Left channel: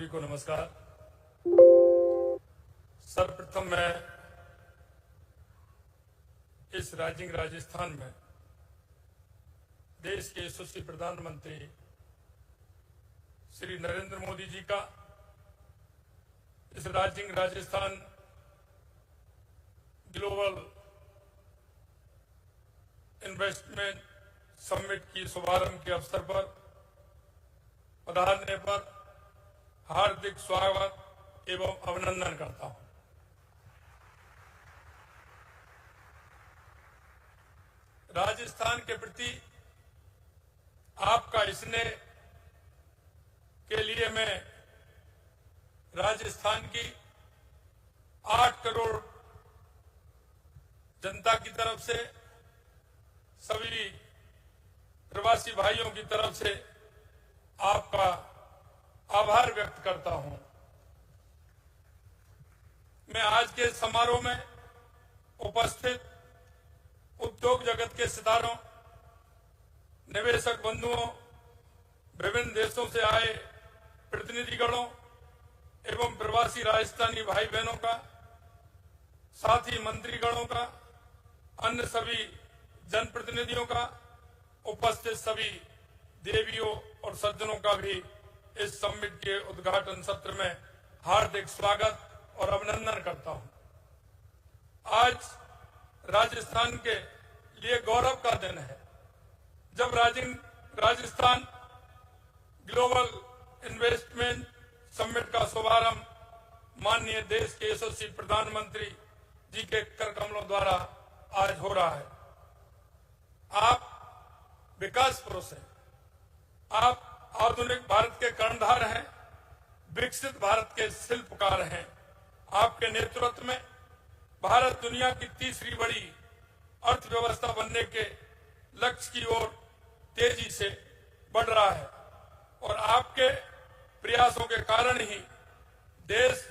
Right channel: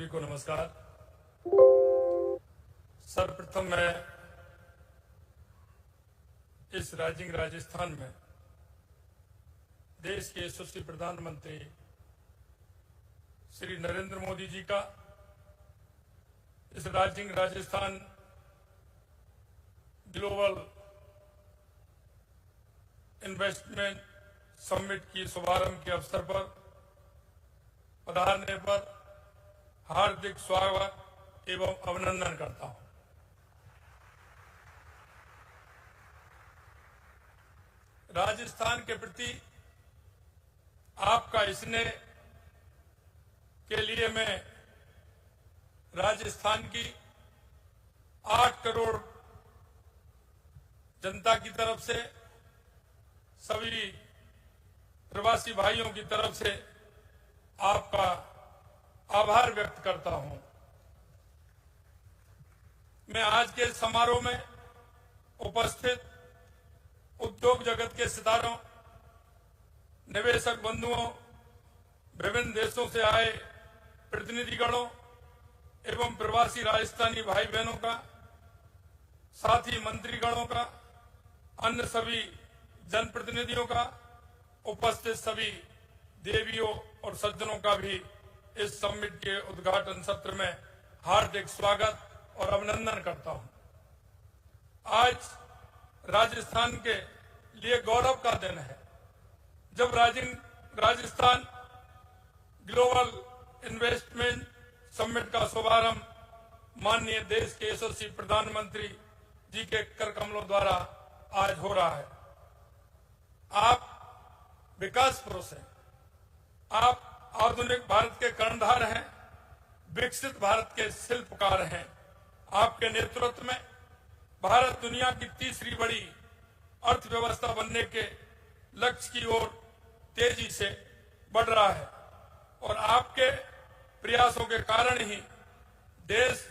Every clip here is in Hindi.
सभी को नमस्कार। सर्वप्रथम मैं इस राइजिंग राजस्थान में देश के यशस्वी प्रधानमंत्री श्री नरेंद्र मोदी जी का इस rising Rajasthan global investment summit की शुभारंभ के अवसर पर पधारने पर हार्दिक स्वागत एवं अभिनंदन करता हूं। राजस्थान के प्रति आपका स्नेह के लिए मैं राजस्थान की 8 करोड़ जनता की तरफ से, सभी प्रवासी भाइयों की तरफ से आपका आभार व्यक्त करता हूं। मैं आज के समारोह में उपस्थित उद्योग जगत के सितारों, निवेशक बंधुओं, विभिन्न देशों से आए प्रतिनिधिगणों एवं प्रवासी राजस्थानी भाई बहनों का, साथ ही मंत्रीगणों का, अन्य सभी जनप्रतिनिधियों का, उपस्थित सभी देवियों और सज्जनों का भी इस समिट के उद्घाटन सत्र में हार्दिक स्वागत और अभिनंदन करता हूं। आज राजस्थान के लिए गौरव का दिन है जब राजस्थान ग्लोबल इन्वेस्टमेंट समिट का शुभारंभ माननीय देश के यशस्वी प्रधानमंत्री जी के कर कमलों द्वारा आज हो रहा है। आप विकास पुरुष हैं, आप आधुनिक भारत के कर्णधार हैं, विकसित भारत के शिल्पकार हैं। आपके नेतृत्व में भारत दुनिया की तीसरी बड़ी अर्थव्यवस्था बनने के लक्ष्य की ओर तेजी से बढ़ रहा है और आपके प्रयासों के कारण ही देश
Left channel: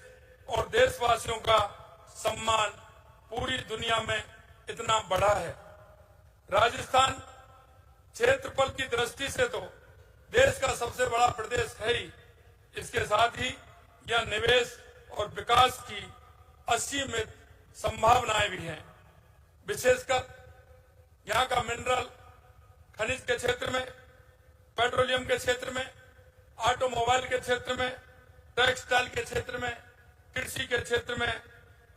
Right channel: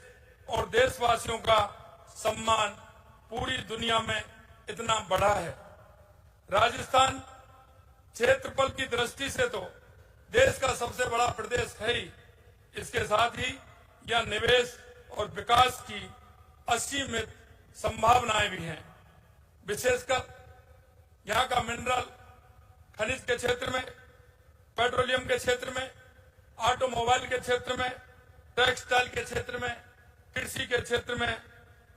और देशवासियों का सम्मान पूरी दुनिया में इतना बढ़ा है। राजस्थान क्षेत्रफल की दृष्टि से तो देश का सबसे बड़ा प्रदेश है ही, इसके साथ ही यह निवेश और विकास की असीमित संभावनाएं भी हैं। विशेषकर यहाँ का मिनरल खनिज के क्षेत्र में, पेट्रोलियम के क्षेत्र में, ऑटोमोबाइल के क्षेत्र में, टेक्सटाइल के क्षेत्र में, कृषि के क्षेत्र में,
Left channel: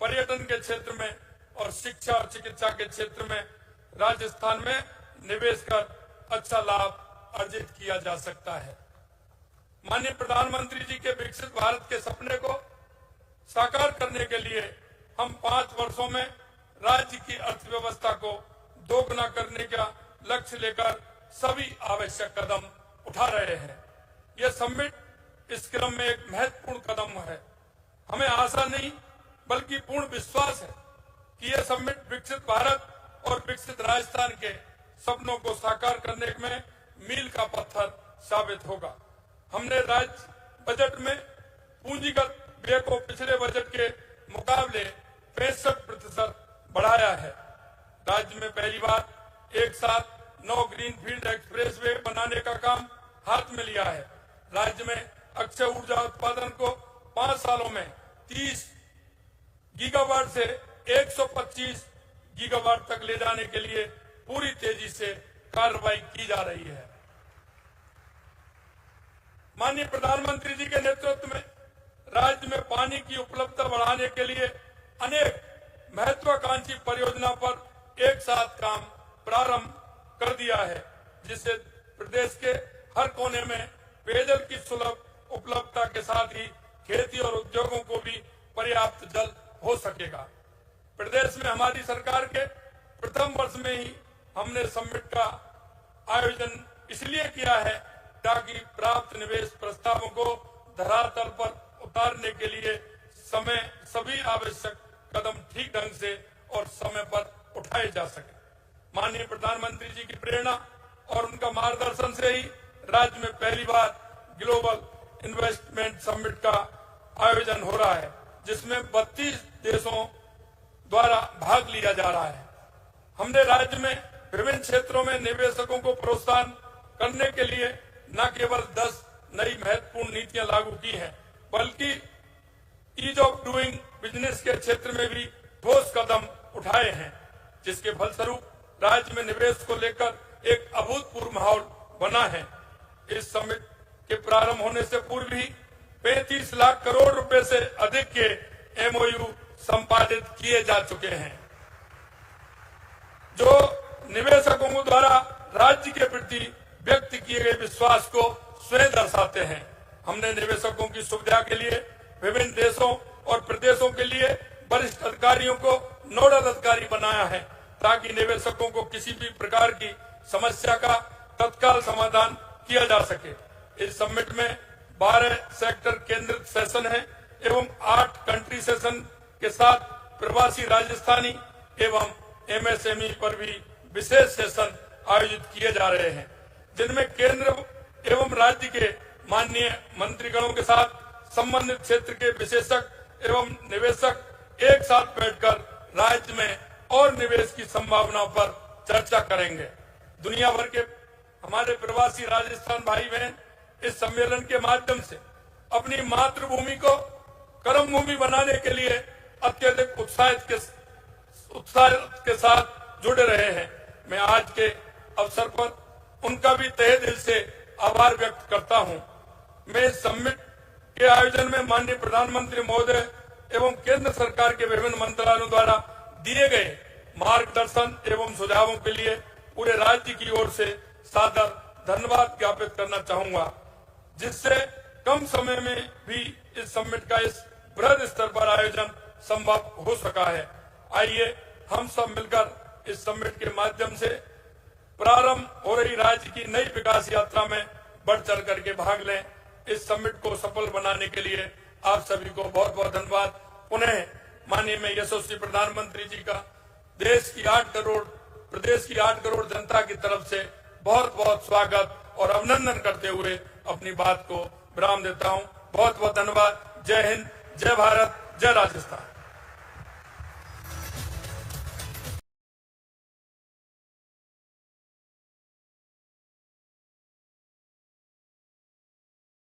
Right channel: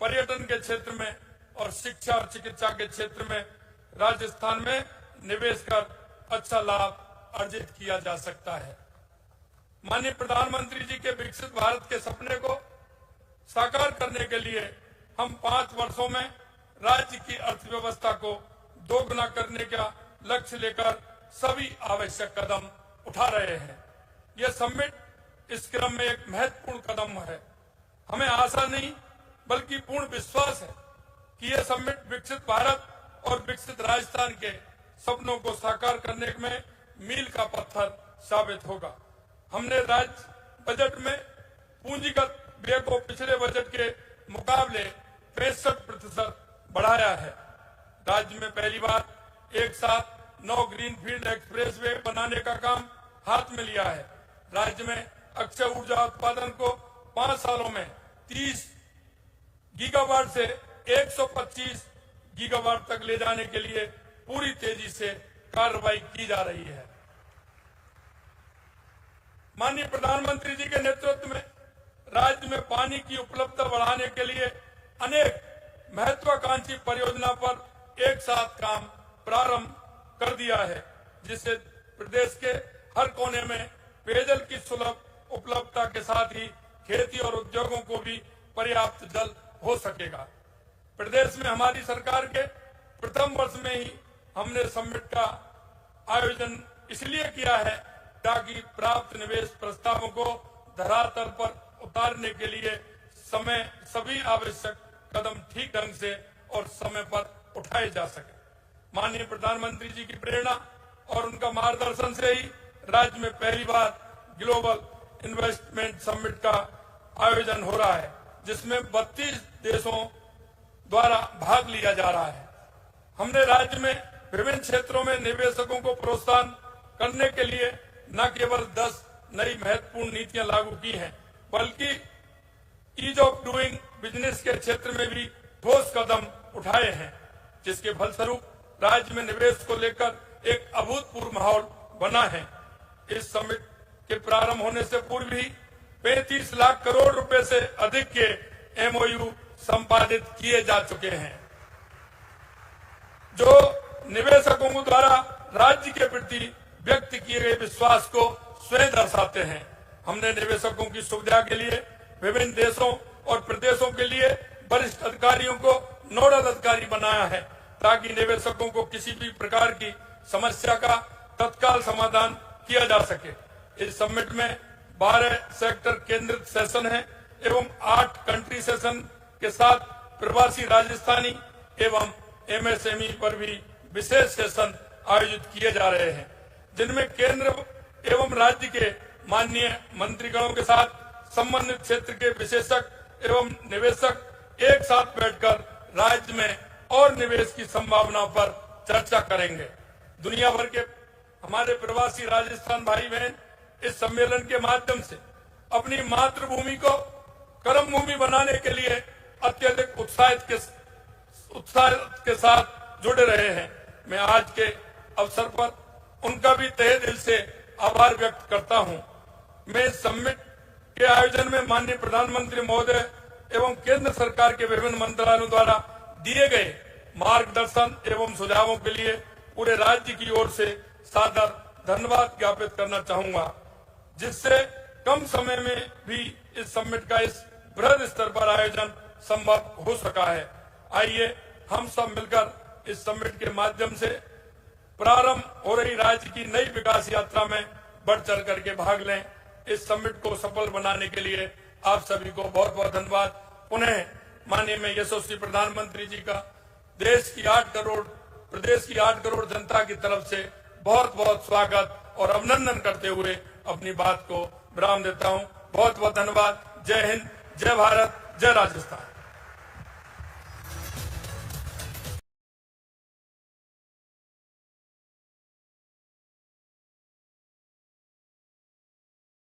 पर्यटन के क्षेत्र में और शिक्षा और चिकित्सा के क्षेत्र में राजस्थान में निवेश कर अच्छा लाभ अर्जित किया जा सकता है। माननीय प्रधानमंत्री जी के विकसित भारत के सपने को साकार करने के लिए हम 5 वर्षों में राज्य की अर्थव्यवस्था को दोगुना करने का लक्ष्य लेकर सभी आवश्यक कदम उठा रहे हैं। यह समिट इस क्रम में एक महत्वपूर्ण कदम है। हमें आशा नहीं बल्कि पूर्ण विश्वास है कि यह समिट विकसित भारत और विकसित राजस्थान के सपनों को साकार करने में मील का पत्थर साबित होगा। हमने राज्य बजट में पूंजीगत व्यय को पिछले बजट के मुकाबले 65% बढ़ाया है। राज्य में पहली बार एक साथ 9 ग्रीनफील्ड एक्सप्रेस वे बनाने का काम हाथ में लिया है। राज्य में अक्षय ऊर्जा उत्पादन को 5 सालों में 30 गीगावाट से 125 गीगावाट तक ले जाने के लिए पूरी तेजी से कार्रवाई की जा रही है। माननीय प्रधानमंत्री जी के नेतृत्व में राज्य में पानी की उपलब्धता बढ़ाने के लिए अनेक महत्वाकांक्षी परियोजना पर एक साथ काम प्रारंभ कर दिया है, जिससे प्रदेश के हर कोने में पेयजल की सुलभ उपलब्धता के साथ ही खेती और उद्योगों को भी पर्याप्त जल हो सकेगा। प्रदेश में हमारी सरकार के प्रथम वर्ष में ही हमने समिट का आयोजन इसलिए किया है ताकि प्राप्त निवेश प्रस्तावों को धरातल पर उतारने के लिए सभी आवश्यक कदम ठीक ढंग से और समय पर उठाए जा सके। माननीय प्रधानमंत्री जी की प्रेरणा और उनका मार्गदर्शन से ही राज्य में पहली बार ग्लोबल इन्वेस्टमेंट समिट का आयोजन हो रहा है, जिसमें 32 देशों द्वारा भाग लिया जा रहा है। हमने राज्य में विभिन्न क्षेत्रों में निवेशकों को प्रोत्साहन करने के लिए न केवल 10 नई महत्वपूर्ण नीतियां लागू की हैं, बल्कि ईज ऑफ डूइंग बिजनेस के क्षेत्र में भी ठोस कदम उठाए हैं, जिसके फलस्वरूप राज्य में निवेश को लेकर एक अभूतपूर्व माहौल बना है। इस समिट के प्रारंभ होने से पूर्व ही 35 लाख करोड़ रुपए से अधिक के एमओयू संपादित किए जा चुके हैं, जो निवेशकों द्वारा राज्य के प्रति व्यक्त किए गए विश्वास को स्वयं दर्शाते हैं। हमने निवेशकों की सुविधा के लिए विभिन्न देशों और प्रदेशों के लिए वरिष्ठ अधिकारियों को नोडल अधिकारी बनाया है, ताकि निवेशकों को किसी भी प्रकार की समस्या का तत्काल समाधान किया जा सके। इस समिट में 12 सेक्टर केंद्रित सेशन है एवं 8 कंट्री सेशन के साथ प्रवासी राजस्थानी एवं एमएसएमई पर भी विशेष सेशन आयोजित किए जा रहे हैं, जिनमें केंद्र एवं राज्य के माननीय मंत्रीगणों के साथ संबंधित क्षेत्र के विशेषज्ञ एवं निवेशक एक साथ बैठकर राज्य में और निवेश की संभावनाओं पर चर्चा करेंगे। दुनिया भर के हमारे प्रवासी राजस्थान भाई बहन इस सम्मेलन के माध्यम से अपनी मातृभूमि को कर्म भूमि बनाने के लिए अत्यधिक उत्साह के साथ जुड़े रहे हैं। मैं आज के अवसर पर उनका भी तहे दिल से आभार व्यक्त करता हूं। मैं इस समिट के आयोजन में माननीय प्रधानमंत्री महोदय एवं केंद्र सरकार के विभिन्न मंत्रालयों द्वारा दिए गए मार्गदर्शन एवं सुझावों के लिए पूरे राज्य की ओर से सादर धन्यवाद ज्ञापित करना चाहूंगा, जिससे कम समय में भी इस समिट का इस बृहद स्तर पर आयोजन संभव हो सका है। आइए हम सब मिलकर इस समिट के माध्यम से प्रारंभ हो रही राज्य की नई विकास यात्रा में बढ़ चढ़ करके भाग लें। इस समिट को सफल बनाने के लिए आप सभी को बहुत बहुत धन्यवाद। पुनः माननीय मैं यशस्वी प्रधानमंत्री जी का देश की 8 करोड़ प्रदेश की 8 करोड़ जनता की तरफ से बहुत बहुत स्वागत और अभिनंदन करते हुए अपनी बात को विराम देता हूं। बहुत बहुत धन्यवाद। जय हिंद, जय भारत, जय राजस्थान।